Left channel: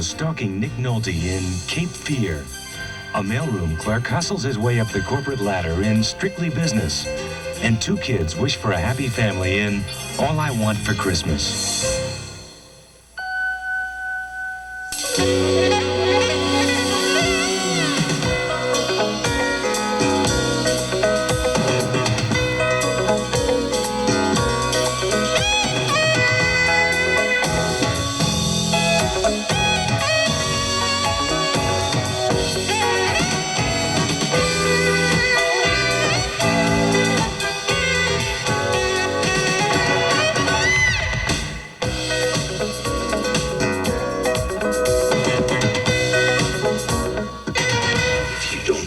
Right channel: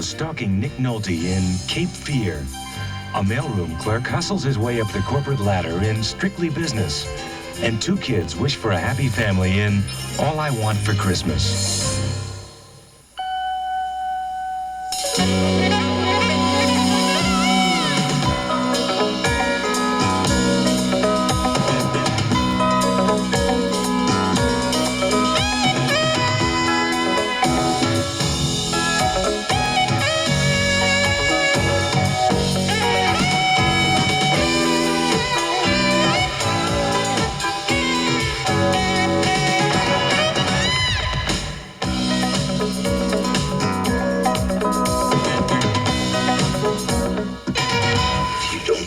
Niro stalking Nick Nolte in Cape Fear. A mailroom clerk hustles his way up the corporate ladder in Strictly Business. And two kids wish for a happy family in All I Want for Christmas.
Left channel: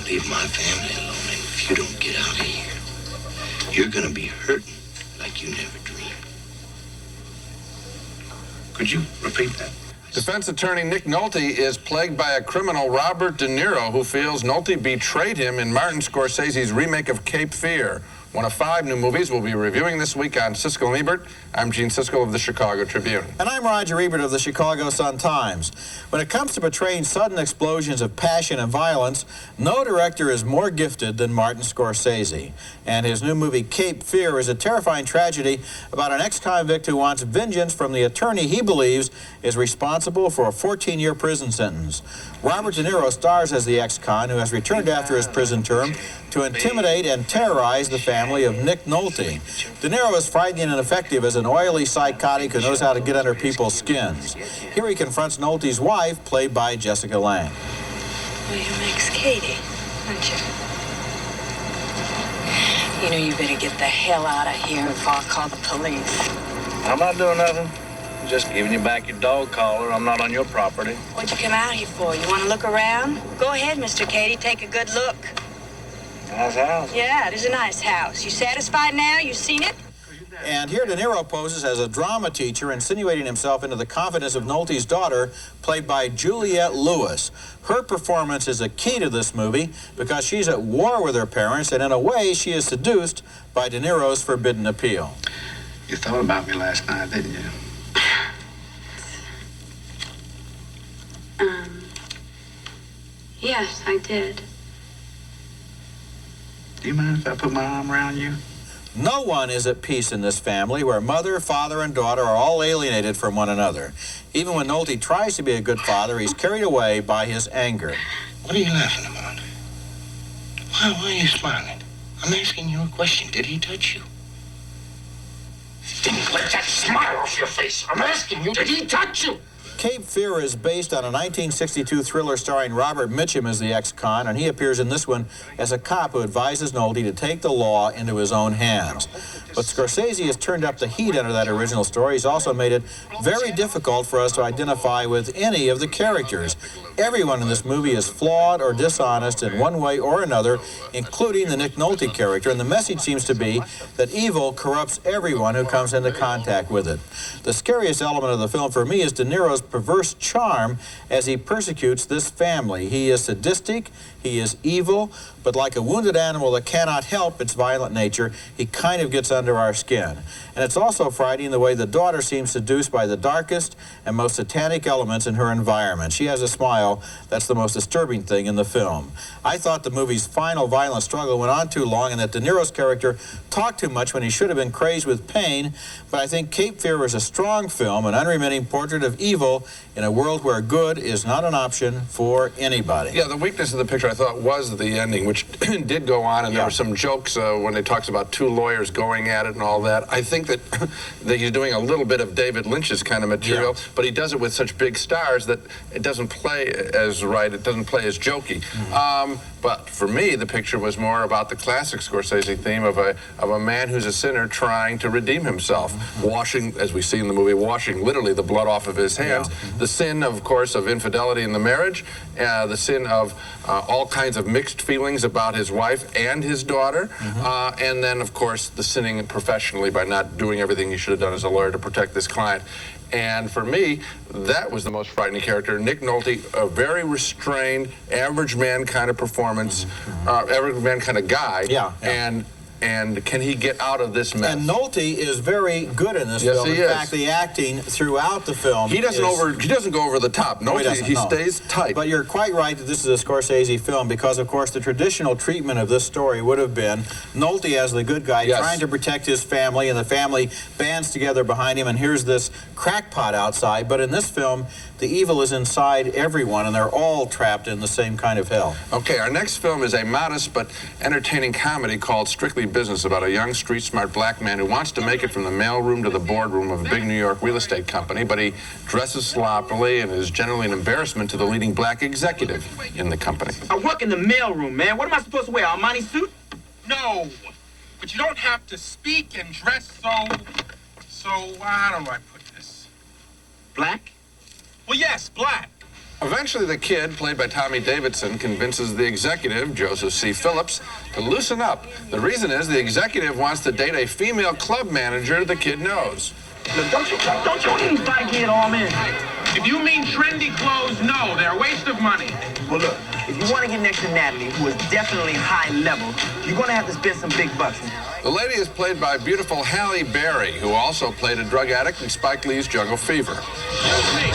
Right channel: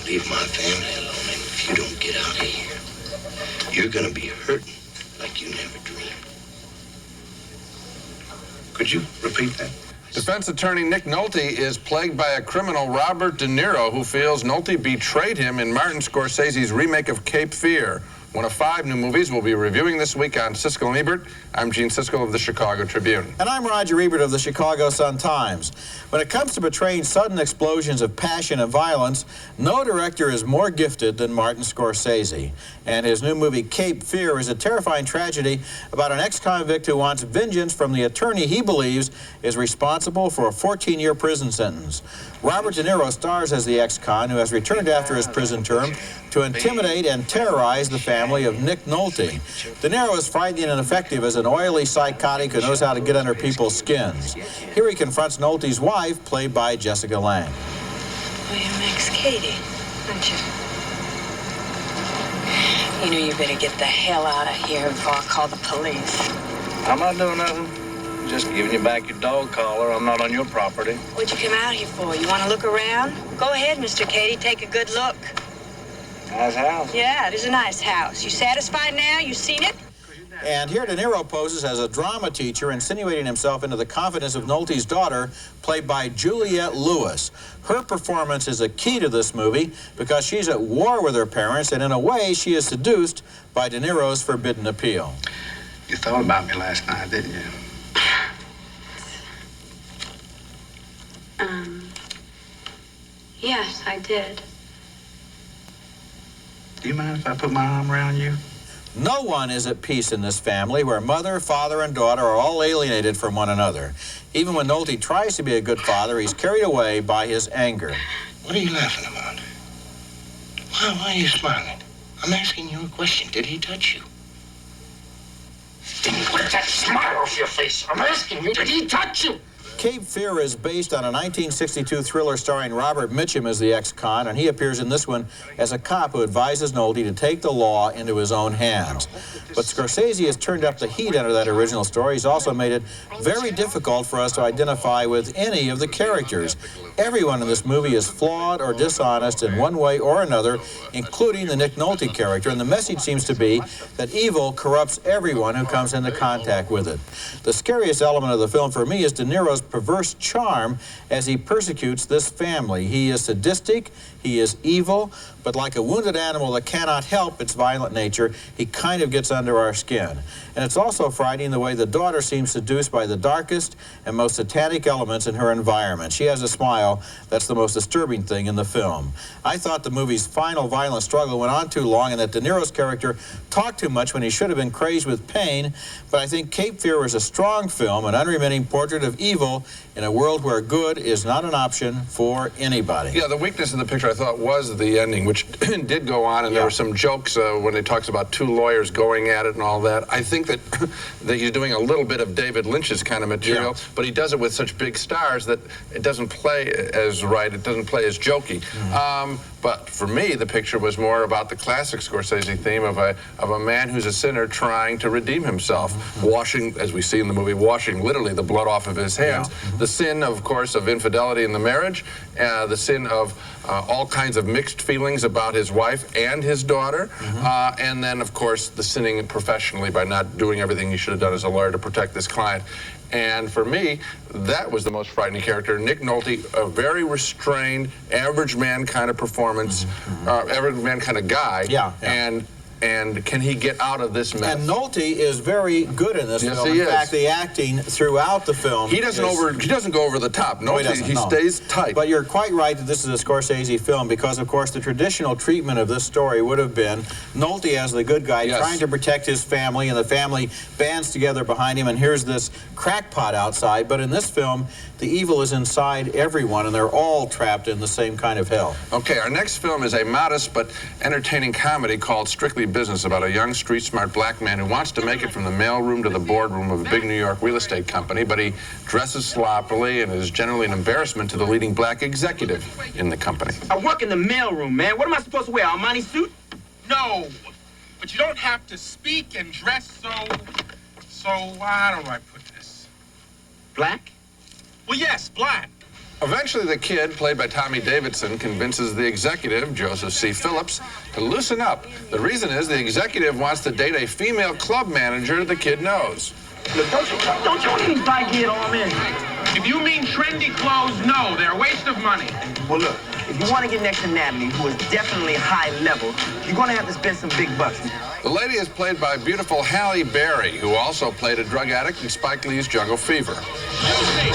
Leave my family alone, and if you don't get out of here, you're gonna be hurting like you never dreamed. Could you repeat that? Defense attorney Nick Nolte is plagued by a criminal, Robert De Niro, who feels Nolte betrayed him in Martin Scorsese's remake of Cape Fear. One of 5 new movies we'll be reviewing this week on Siskel and Ebert. I'm Gene Siskel of the Chicago Tribune. And I'm Roger Ebert of the Chicago Sun-Times. When it comes to portraying sudden explosions of passion and violence, no director is more gifted than Martin Scorsese. And his new movie, Cape Fear, is a terrifying tragedy about an ex-convict who wants vengeance from the attorney he believes is responsible for a 14-year prison sentence. Robert De Niro stars as the ex-con who has returned after his prison term to intimidate and terrorize the family of Nick Nolte. De Niro is frightening and effective as an oily psychotic who knows how to get under people's skins. Here he confronts Nolte's wife, played by Jessica Lange. Well, you're Max Cady, aren't you? You know you better get the hell out of here before I call the police. I'm not doing nothing. Just giving you back your dog collar. I'm not on your property. What'd you come out here for? You want to look around? Go ahead, Mr. Cady. Take a good look. Nice house. Yeah, it is a nice house. You satisfied now? You seen it? And here De Niro poses as a drama teacher, insinuating himself into the confidence of Nolte's daughter, played by Juliette Lewis. Her performance is a key to this movie because she's at war with her parents, and in a way, she is seduced by De Niro's forbidden appeal. You thought about me last night, didn't you? Yes, I did. Do you mind if I put my arm around you? No one is at peace in this family where mother, father, and daughter are all alienated from one another. Even when Nolte tries to be a good father, he's carried away by his anger. What are you laughing about? Why are you smiling? I'm asking you a question. Did he touch you? Then let that smile off your face. I'm asking you, did he touch you? Cape Fear is based on a 1962 thriller starring Robert Mitchum as the ex-con, and he appears in this one as a cop who advises Nolte to take the law into his own hands. But Scorsese has turned up the heat under that original story. He's also made it very difficult for us to identify with any of the characters. Everyone in this movie is flawed or dishonest in one way or another, including the Nick Nolte character, and the message seems to be that evil corrupts everyone who comes into contact with it. The scariest element of the film for me is De Niro's perverse charm as he persecutes this family. He is sadistic, he is evil, but like a wounded animal that cannot help its violent nature, he kind of gets under our skin. And it's also frightening the way the daughter seems seduced by the darkest and most satanic elements in her environment. She has a smile that's the most disturbing thing in the film. I thought the movie's final violent struggle went on too long and that De Niro's character talked too much when he should have been crazed with pain, but I think Cape Fear is a strong film, an unremitting portrait of evil in a world where good is not an option for anybody. Yeah, the weakness of the picture, I thought, was the ending, which did go on, and there were some jokes when it talks about 2 lawyers going at it and all that. I think that, that he's doing a little bit of David Lynch's kind of material, but he does it with such big stars that it doesn't play as right, it doesn't play as jokey. But for me, the picture was more about the classic Scorsese theme of a man who's a sinner trying to redeem himself, washing, as we see in the movie, washing literally the blood off of his hands. The sin, of course, of infidelity in the marriage, the sin of all kinds of mixed feelings about his wife and his daughter, and then, of course, the sinning professionally by not doing everything he should have done as a lawyer to protect this client. And for me, that was the most frightening character. Nick Nolte, a very restrained, average man kind of performance, average man kind of guy. And and can he get out of this mess? And Nolte is very good in this Yes, film. he In is. fact, the acting throughout the film He doesn't go over the top. No, he Nolte, doesn't, he no. stays tight. But you're quite right that this is a Scorsese film because, of course, the traditional treatment of this story would have been Nolte as the good guy Yes. trying to protect his family, and the family bands together behind him, and here's this crackpot outside. But in this film, the evil is inside everyone, and they're all trapped in the same kind of hell. Okay, our next film is a modest but entertaining comedy called Strictly Business about a young, street-smart black man who wants to make it from the mailroom to the boardroom of a big New York real estate company, but he dresses sloppily and is generally an embarrassment to the leading black executive in the company. I work in the mailroom, man. What am I supposed to wear, Armani suit? No, but you don't have to speak and dress so, how do I put this? Black? Well, yes, black. Eventually, the kid, played by Tommy Davidson, convinces the executive, Joseph C. Phillips, to loosen up. The reason is the executive wants to date a female club manager the kid knows. Look, don't you want any bike-head on me? If you mean trendy clothes, no, they're a waste of money. Well, look, if you want to get next to Natalie, who is definitely high level, you're going to have to spend some big bucks. The lady is played by beautiful Halle Berry, who also played a drug addict in Spike Lee's Jungle Fever. Excuse me.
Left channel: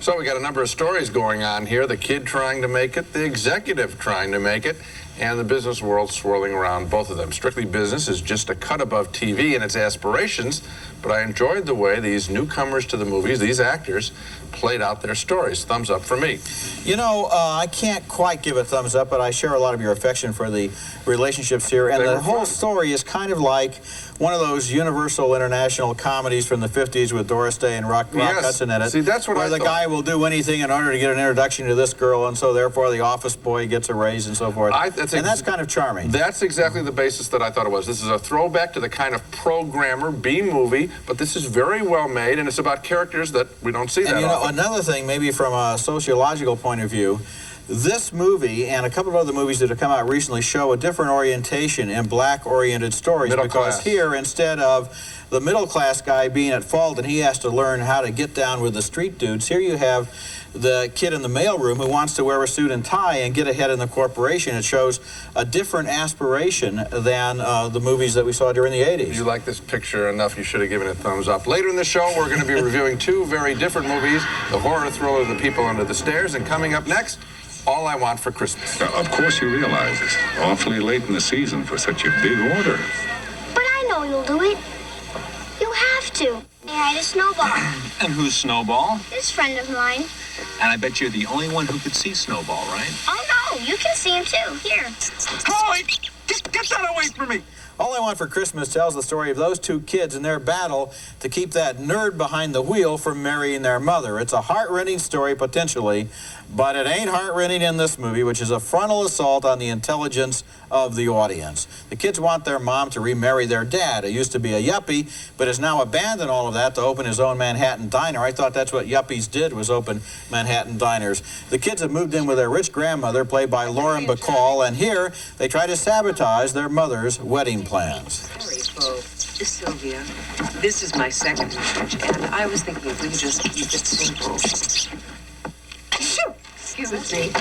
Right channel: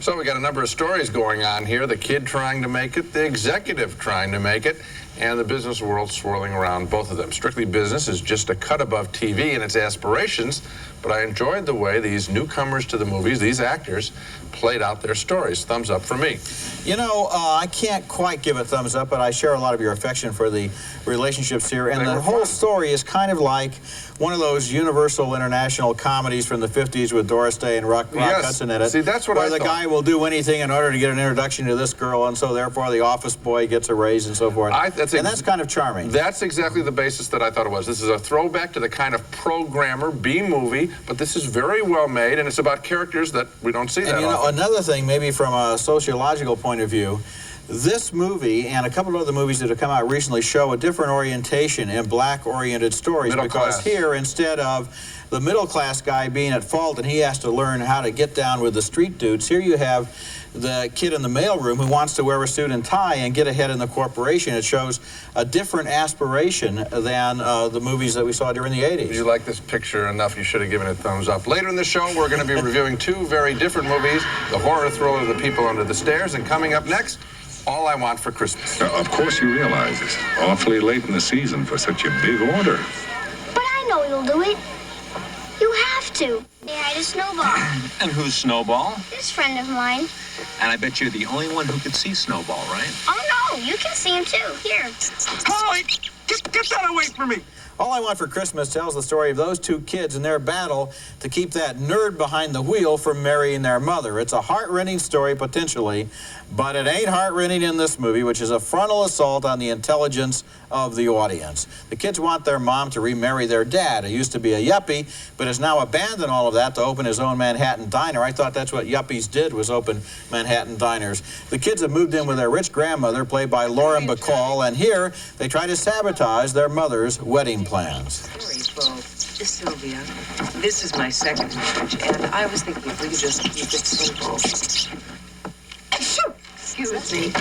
So we got a number of stories going on here. The kid trying to make it, the executive trying to make it, and the business world swirling around both of them. Strictly Business is just a cut above TV in its aspirations, but I enjoyed the way these newcomers to the movies, these actors, played out their stories. Thumbs up for me. You know, I can't quite give a thumbs up, but I share a lot of your affection for the relationships here. And the whole story is kind of like one of those Universal International comedies from the 50s with Doris Day and Rock Hudson in it. See, that's what where I the thought. guy will do anything in order to get an introduction to this girl, and so therefore the office boy gets a raise and so forth. And that's kind of charming. That's exactly the basis that I thought it was. This is a throwback to the kind of programmer B-movie, but this is very well made, and it's about characters that we don't see that And you know, often. another thing, maybe from a sociological point of view, this movie and a couple of other movies that have come out recently show a different orientation in black-oriented stories. Middle because class. here, instead of the middle-class guy being at fault and he has to learn how to get down with the street dudes, here you have the kid in the mailroom who wants to wear a suit and tie and get ahead in the corporation. It shows a different aspiration than the movies that we saw during the 80s. You like this picture enough, you should have given it a thumbs up. Later in the show, we're going to be reviewing two very different movies, the horror thriller The People Under the Stairs, and coming up next, All I Want for Christmas. Now, of course you realize it's awfully late in the season for such a big order. But I know you'll do it. You have to. They hide a snowball. And who's Snowball? This friend of mine. And I bet you're the only one who could see Snowball, right? Oh, no, you can see him, too. Here. Holly, get that away from me. All I Want for Christmas tells the story of those two kids in their battle to keep that nerd behind the wheel from marrying their mother. It's a heart-rending story, potentially, but it ain't heart-rending in this movie, which is a frontal assault on the intelligence of the audience. The kids want their mom to remarry their dad, who used to be a yuppie, but has now abandoned all of that to open his own Manhattan diner. I thought that's what yuppies did, was open Manhattan diners. The kids have moved in with their rich grandmother, played by Lauren Bacall, and here they try to sabotage their mother's wedding plans. Sorry, folks. Sylvia, this is my second marriage, and I was thinking if we could just keep it simple. Excuse me.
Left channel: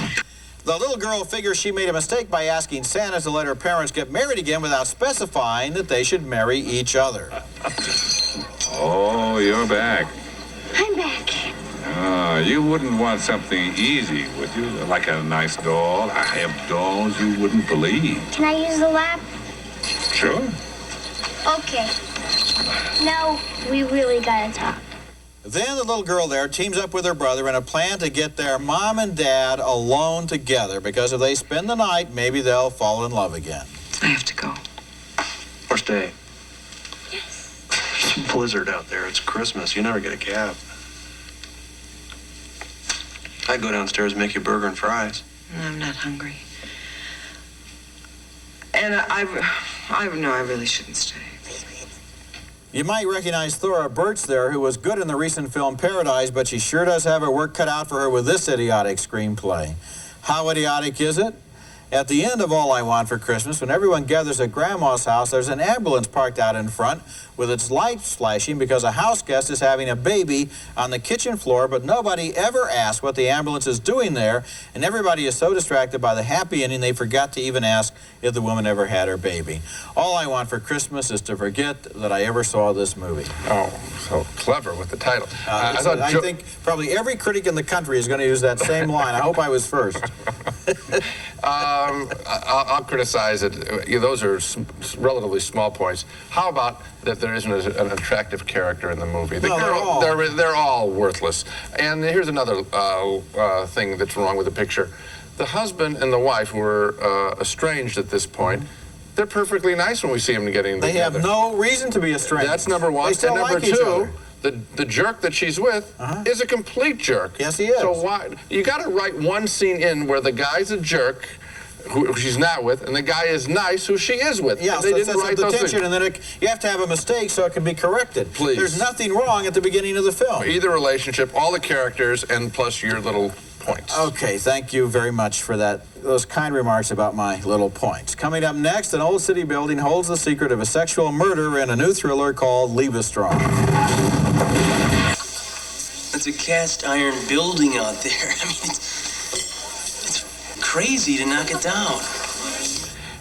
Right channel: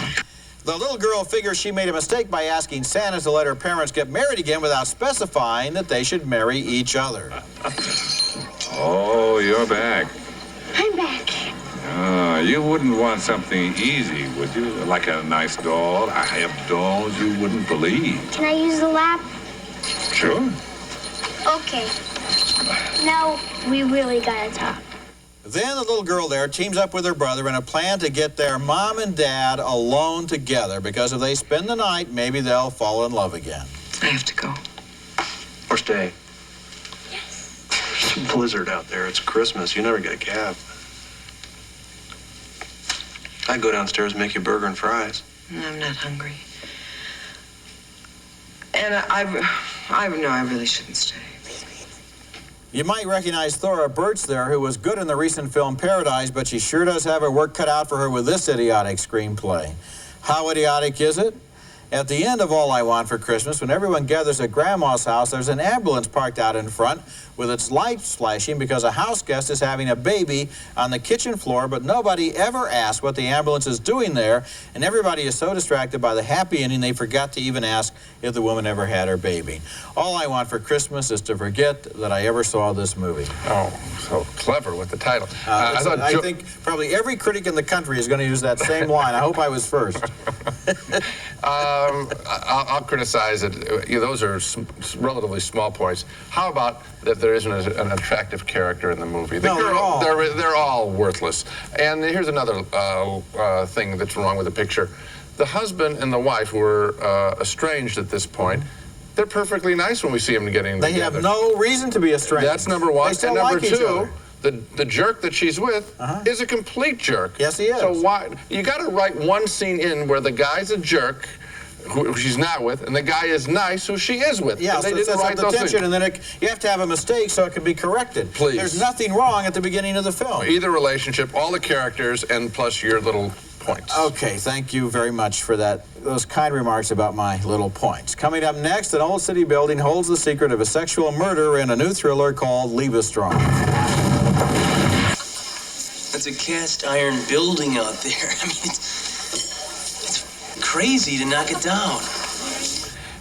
The little girl figures she made a mistake by asking Santa to let her parents get married again without specifying that they should marry each other. Oh, you're back. I'm back. You wouldn't want something easy, would you? Like a nice doll? I have dolls you wouldn't believe. Can I use the lap? Sure. Okay. Now, we really gotta talk. Then the little girl there teams up with her brother in a plan to get their mom and dad alone together, because if they spend the night, maybe they'll fall in love again. I have to go. First day. Yes. It's a blizzard out there. It's Christmas. You never get a cab. I'd go downstairs and make you a burger and fries. I'm not hungry. And I really shouldn't stay. You might recognize Thora Birch there, who was good in the recent film Paradise, but she sure does have her work cut out for her with this idiotic screenplay. How idiotic is it? At the end of All I Want for Christmas, when everyone gathers at Grandma's house, there's an ambulance parked out in front with its lights flashing because a house guest is having a baby on the kitchen floor, but nobody ever asks what the ambulance is doing there, and everybody is so distracted by the happy ending they forgot to even ask if the woman ever had her baby. All I want for Christmas is to forget that I ever saw this movie. Oh, so clever with the title. I think probably every critic in the country is going to use that same line. I hope I was first. I'll criticize it. Those are relatively small points. How about that there isn't an attractive character in the movie? They're all worthless. And here's another thing that's wrong with the picture. The husband and the wife, who are estranged at this point, they're perfectly nice when we see them getting together. They have no reason to be estranged. That's number one. They still and number like each two, other. the jerk that she's with is a complete jerk. Yes, he is. So why you got to write one scene in where the guy's a jerk, who she's not with, and the guy is nice, who she is with. Yeah, they so didn't write the those tension, things. and then you have to have a mistake so it can be corrected. Please. There's nothing wrong at the beginning of the film. Either relationship, all the characters, and plus your little points. Okay, thank you very much for those kind remarks about my little points. Coming up next, an old city building holds the secret of a sexual murder in a new thriller called Liebestrom. That's a cast iron building out there. I mean, it's crazy to knock it down.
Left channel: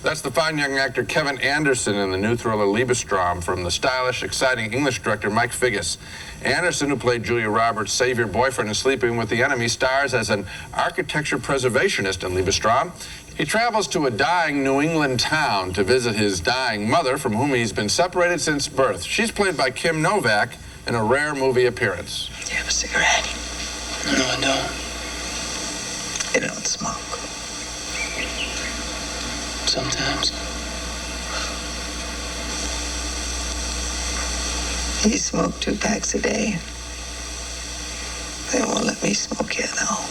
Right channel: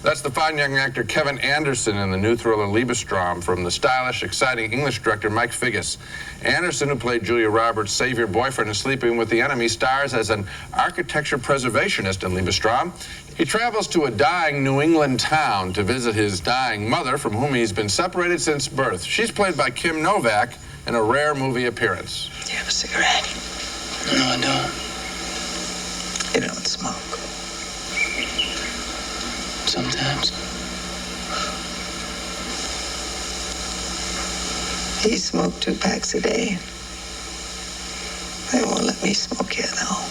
That's the fine young actor Kevin Anderson in the new thriller Liebestrom from the stylish, exciting English director Mike Figgis. Anderson, who played Julia Roberts' savior boyfriend in Sleeping with the Enemy, stars as an architecture preservationist in Liebestrom. He travels to a dying New England town to visit his dying mother, from whom he's been separated since birth. She's played by Kim Novak in a rare movie appearance. Do you have a cigarette? No, I don't. You don't smoke. Sometimes. He smoked 2 packs a day. They won't let me smoke here, though.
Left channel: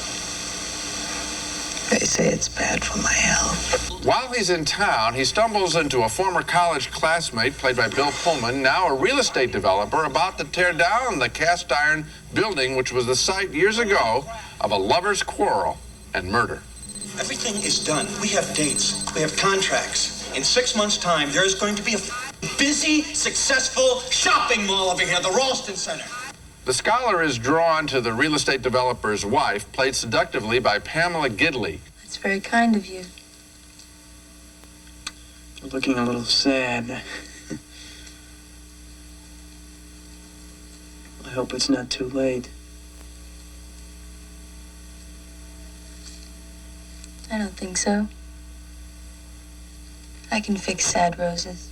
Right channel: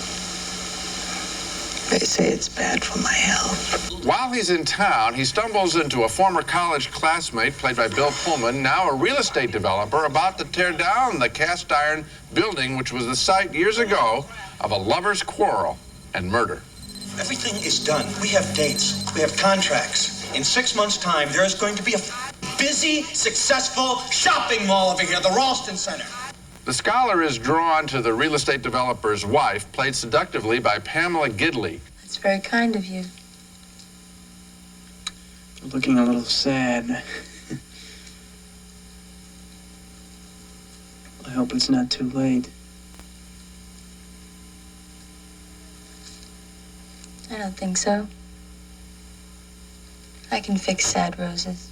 They say it's bad for my health. While he's in town, he stumbles into a former college classmate, played by Bill Pullman, now a real estate developer, about to tear down the cast iron building, which was the site years ago of a lover's quarrel and murder. Everything is done. We have dates. We have contracts. In 6 months' time, there is going to be a busy, successful shopping mall over here, the Ralston Center. The scholar is drawn to the real estate developer's wife, played seductively by Pamela Gidley. That's very kind of you. You're looking a little sad. I hope it's not too late. I don't think so. I can fix sad roses.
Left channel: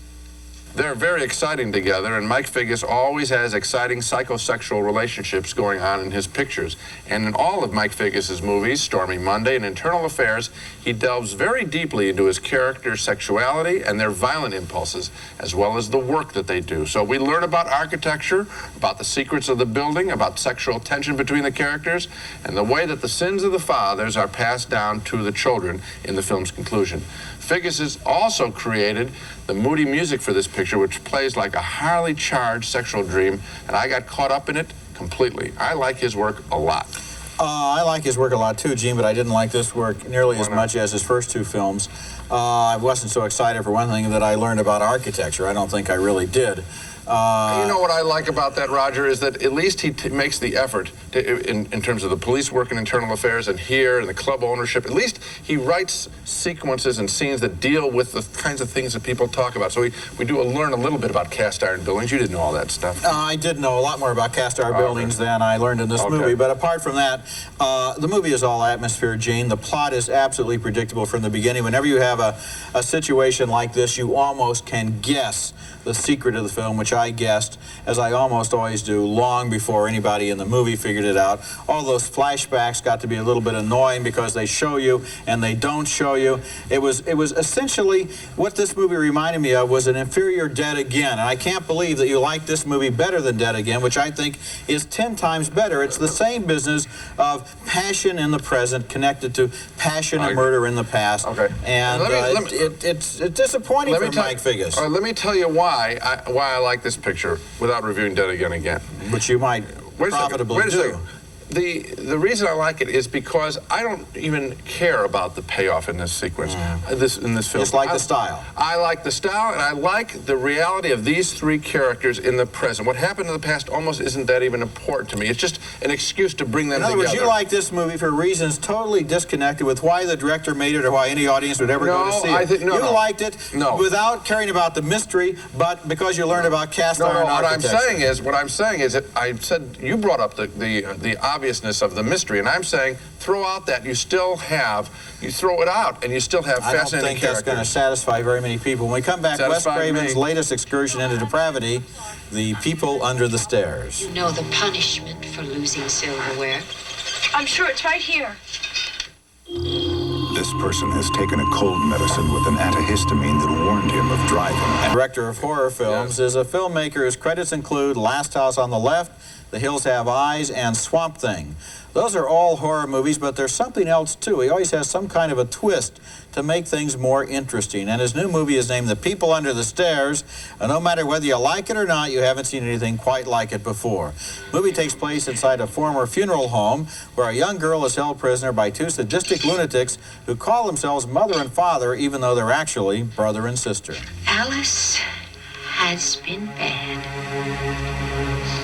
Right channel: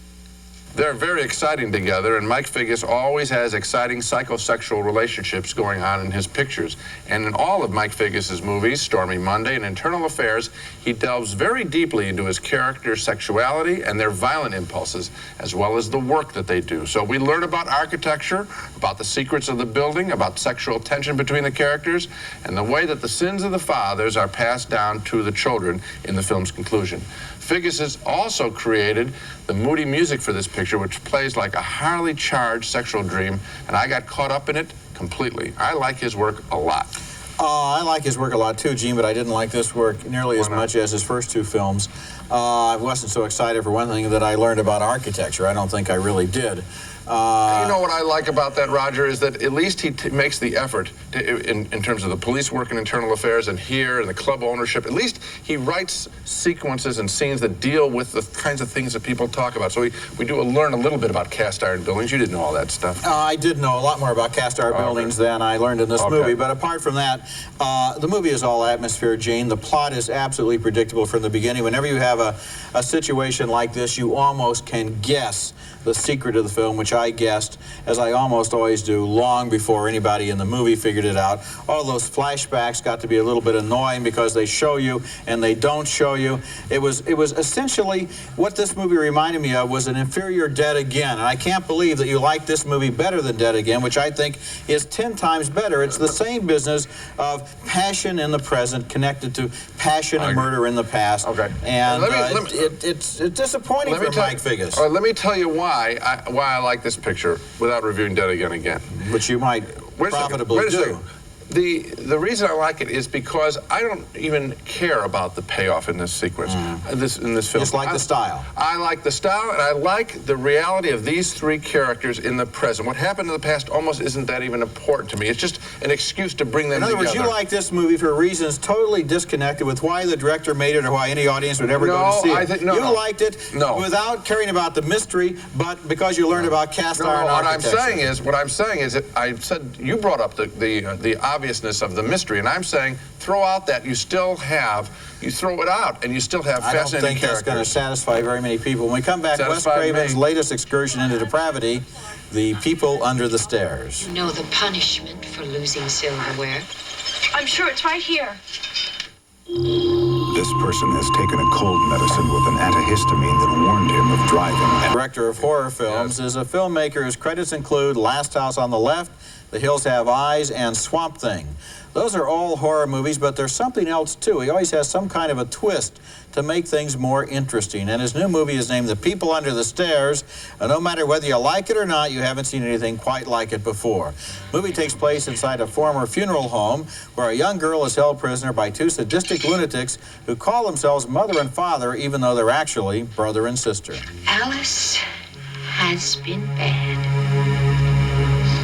They're very exciting together, and Mike Figgis always has exciting psychosexual relationships going on in his pictures. And in all of Mike Figgis's movies, Stormy Monday and Internal Affairs, he delves very deeply into his character's sexuality and their violent impulses, as well as the work that they do. So we learn about architecture, about the secrets of the building, about sexual tension between the characters, and the way that the sins of the fathers are passed down to the children in the film's conclusion. Figgis has also created the moody music for this picture, which plays like a highly charged sexual dream, and I got caught up in it completely. I like his work a lot. I like his work a lot too, Gene, but I didn't like this work nearly as much as his first 2 films. I wasn't so excited, for one thing, that I learned about architecture. I don't think I really did. You know what I like about that, Roger, is that at least he makes the effort in terms of the police work and internal affairs, and here and the club ownership. At least he writes sequences and scenes that deal with the kinds of things that people talk about. So we do learn a little bit about cast iron buildings. You didn't know all that stuff. I did know a lot more about cast iron buildings than I learned in this movie. But apart from that, the movie is all atmosphere, Gene. The plot is absolutely predictable from the beginning. Whenever you have a situation like this, you almost can guess the secret of the film, which I guessed, as I almost always do, long before anybody in the movie figured it out. All those flashbacks got to be a little bit annoying because they show you and they don't show you. It was essentially what this movie reminded me of was an inferior Dead Again. And I can't believe that you like this movie better than Dead Again, which I think is 10 times better. It's the same business of passion in the present connected to passion and murder in the past. Okay. And it's disappointing for Mike Figgis. Let me tell you why I like this picture without reviewing Dead Again. Which you might profitably do. The reason I like it is because I don't even care about the payoff in this sequence, in this film. Just like the style. I like the style, and I like the reality of these three characters in the present. What happened in the past almost isn't that even important to me. It's just an excuse to bring them together. In other words, you like this movie for reasons totally disconnected with why the director made it or why any audience would ever go to see it. You liked it without caring about the mystery, but because you learned about cast iron architecture. What I'm saying is that I said you brought up the obviousness of the mystery, and I'm saying throw out that you still have, you throw it out, and you still have fascinating characters. I don't think that's going to satisfy very many people. When we come back, Wes Craven's latest excursion into depravity, The People Under the Stairs. You know the punishment for losing silverware? I'm sure it's right here. This person has taken a cold medicine with an antihistamine that warned him of driving. Director of horror films is a filmmaker whose credits include Last House on the Left, The Hills Have Eyes, and Swamp Thing. Those are all horror movies, but there's something else too. He always has some kind of a twist to make things more interesting. And his new movie is named The People Under the Stairs. And no matter whether you like it or not, you haven't seen anything quite like it before. The movie takes place inside a former funeral home where a young girl is held prisoner by two sadistic lunatics who call themselves mother and father, even though they're actually brother and sister. Alice has been bad.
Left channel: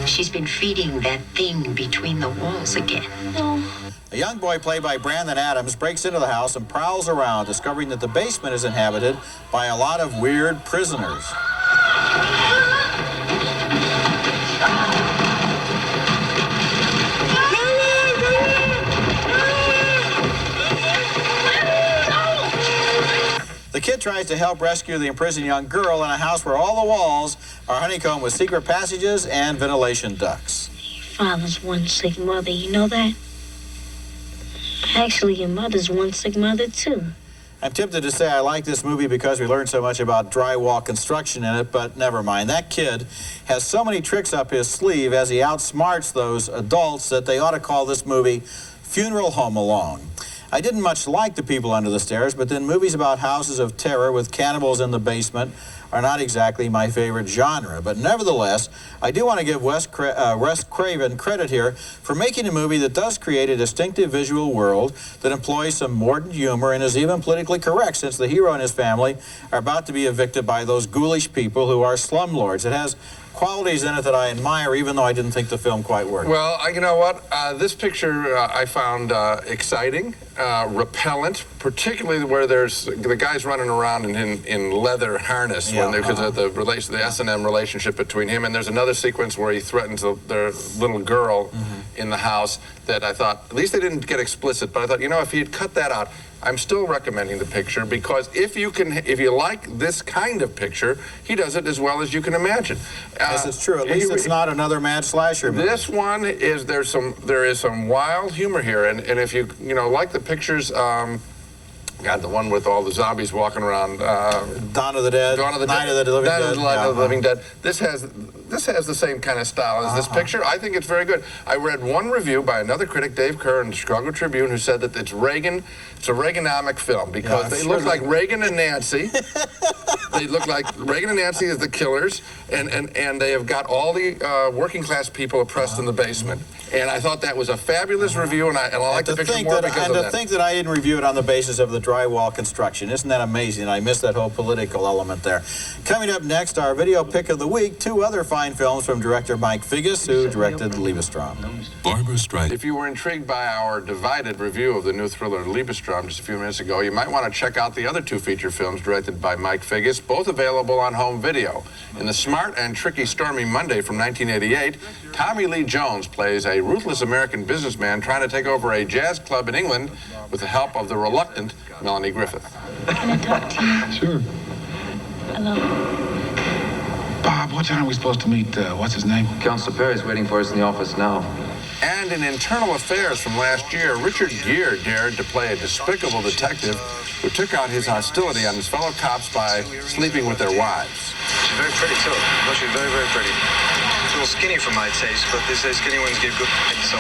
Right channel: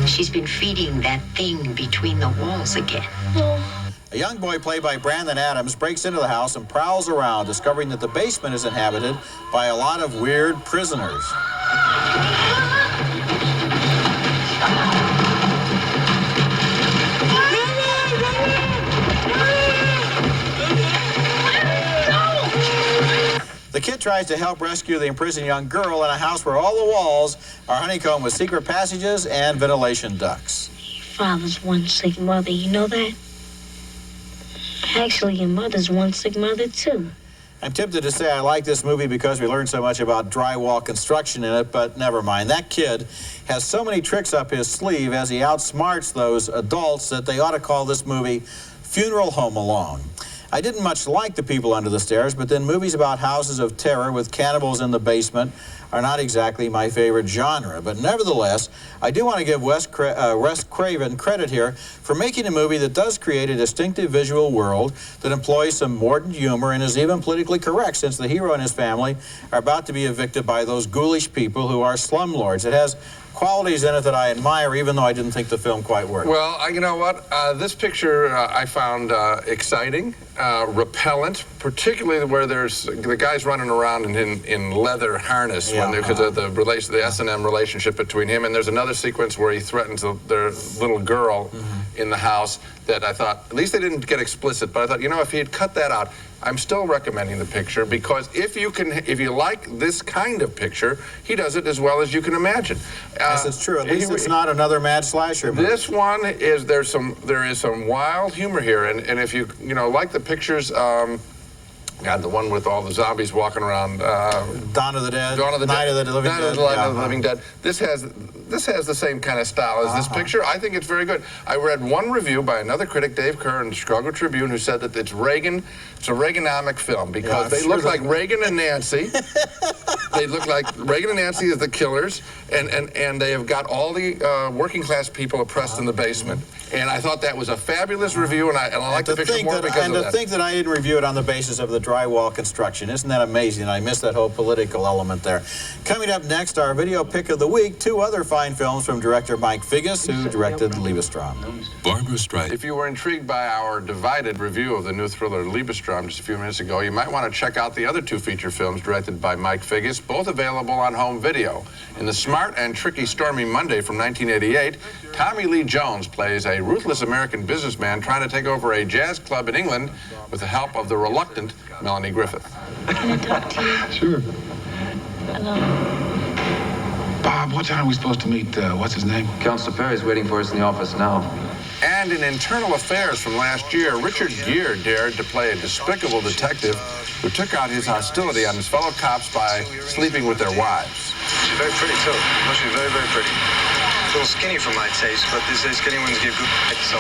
She's been feeding that thing between the walls again. No. A young boy played by Brandon Adams breaks into the house and prowls around, discovering that the basement is inhabited by a lot of weird prisoners. The kid tries to help rescue the imprisoned young girl in a house where all the walls are honeycombed with secret passages and ventilation ducts. Father's one sick mother, you know that? Actually, your mother's one sick mother, too. I'm tempted to say I like this movie because we learned so much about drywall construction in it, but never mind. That kid has so many tricks up his sleeve as he outsmarts those adults that they ought to call this movie Funeral Home Alone. I didn't much like The People Under the Stairs, but then movies about houses of terror with cannibals in the basement are not exactly my favorite genre. But nevertheless, I do want to give Wes Craven credit here for making a movie that does create a distinctive visual world that employs some mordant humor and is even politically correct, since the hero and his family are about to be evicted by those ghoulish people who are slumlords. It has qualities in it that I admire, even though I didn't think the film quite worked. Well, you know what? This picture I found exciting, repellent, particularly where there's the guys running around in leather harness because of the S&M relationship between him. And there's another sequence where he threatens their little girl in the house that I thought, at least they didn't get explicit, but I thought, you know, if he had cut that out, I'm still recommending the picture, because if you like this kind of picture, he does it as well as you can imagine. Yes, it's true. At least it's not another mad slasher movie. This one is there is some wild humor here, and if you like the pictures. God, the one with all the zombies walking around. Dawn of the Dead. Dawn of the Night of the Living Dead. Night of the Living Dead. This has the same kind of style as this picture. I think it's very good. I read one review by another critic, Dave Kerr, in the Chicago Tribune, who said that it's a Reaganomic film because they look like Reagan and Nancy. They look like Reagan and Nancy as the killers, and they have got all the working class people oppressed in the basement. And I thought that was a fabulous review, and I like the picture more because of that. And to think that I didn't review it on the basis of the drywall construction. Isn't that amazing? I missed that whole political element there. Coming up next, our video pick of the week, two other fine films from director Mike Figgis, who directed Liebestrom. Barbra Streisand. If you were intrigued by our divided review of the new thriller Liebestrom just a few minutes ago, you might want to check out the other two feature films directed by Mike Figgis, both available on home video. In The Smart and Tricky Stormy Monday from 1988, Tommy Lee Jones plays a ruthless American businessman trying to take over a jazz club in England with the help of the reluctant Melanie Griffith. Can I talk to you? Sure. Hello. Bob, what time are we supposed to meet, what's his name? Counsel Perry's waiting for us in the office now. And in Internal Affairs from last year, Richard Gere dared to play a despicable detective who took out his hostility on his fellow cops by sleeping with their wives. She's very pretty, too. No, she's very, very pretty. She's a little skinny for my taste, but these days skinny ones give good so.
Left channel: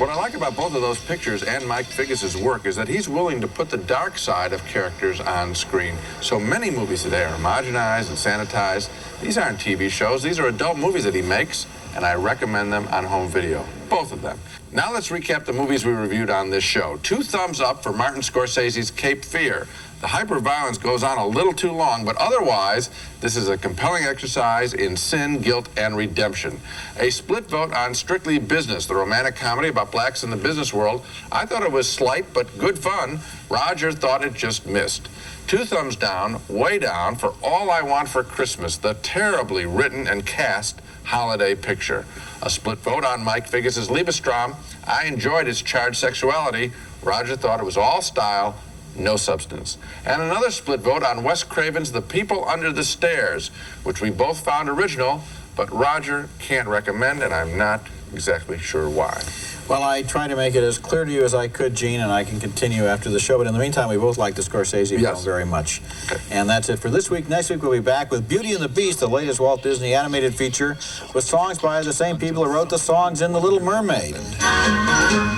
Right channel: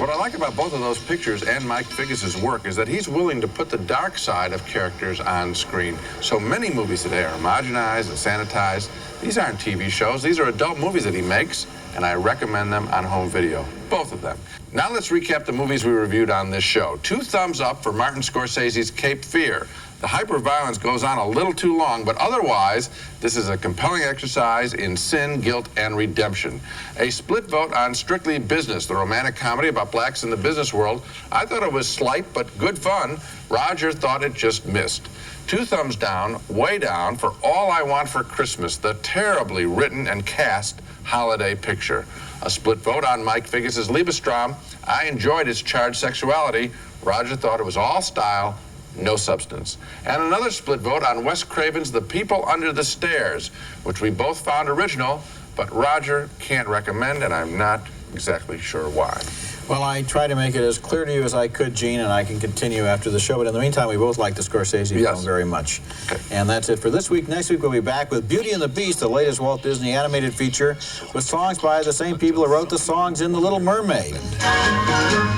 What I like about both of those pictures and Mike Figgis' work is that he's willing to put the dark side of characters on screen. So many movies today are homogenized and sanitized. These aren't TV shows. These are adult movies that he makes, and I recommend them on home video. Both of them. Now let's recap the movies we reviewed on this show. 2 thumbs up for Martin Scorsese's Cape Fear. The hyper-violence goes on a little too long, but otherwise, this is a compelling exercise in sin, guilt, and redemption. A split vote on Strictly Business, the romantic comedy about blacks in the business world. I thought it was slight, but good fun. Roger thought it just missed. 2 thumbs down, way down, for All I Want for Christmas, the terribly written and cast holiday picture. A split vote on Mike Figgis' Liebestrom. I enjoyed its charged sexuality. Roger thought it was all style, no substance. And another split vote on Wes Craven's The People Under the Stairs, which we both found original, but Roger can't recommend, and I'm not exactly sure why. Well, I tried to make it as clear to you as I could, Gene, and I can continue after the show. But in the meantime, we both like the Scorsese film very much. Okay. And that's it for this week. Next week, we'll be back with Beauty and the Beast, the latest Walt Disney animated feature, with songs by the same people who wrote the songs in The Little Mermaid.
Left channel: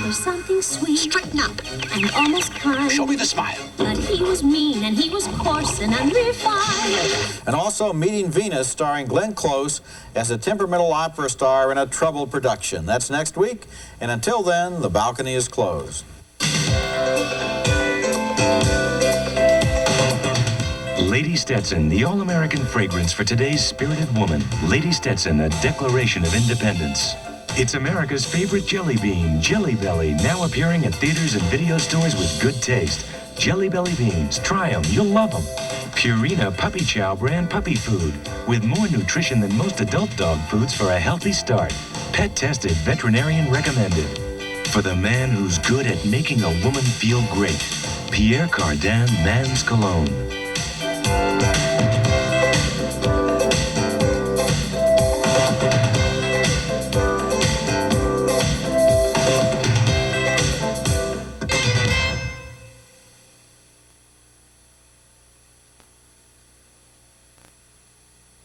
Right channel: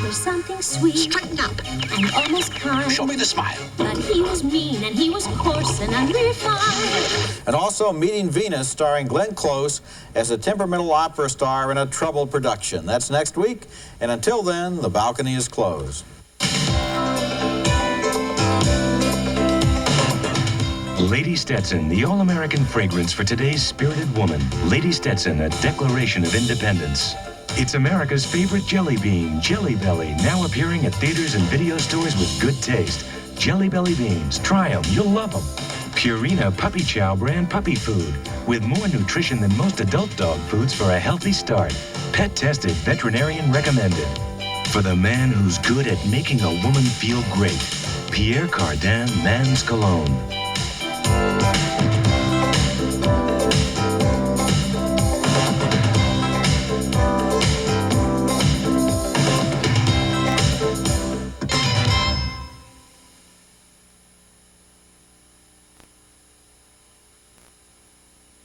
There's something sweet. Straighten up. And almost kind. Show me the smile. But he was mean, and he was coarse and unrefined. And also Meeting Venus, starring Glenn Close as a temperamental opera star in a troubled production. That's next week. And until then, the balcony is closed. Lady Stetson, the all-American fragrance for today's spirited woman. Lady Stetson, a declaration of independence. It's America's favorite jelly bean, Jelly Belly, now appearing at theaters and video stores with good taste. Jelly Belly beans, try them, you'll love them. Purina Puppy Chow brand puppy food, with more nutrition than most adult dog foods for a healthy start. Pet-tested, veterinarian recommended. For the man who's good at making a woman feel great, Pierre Cardin Man's Cologne.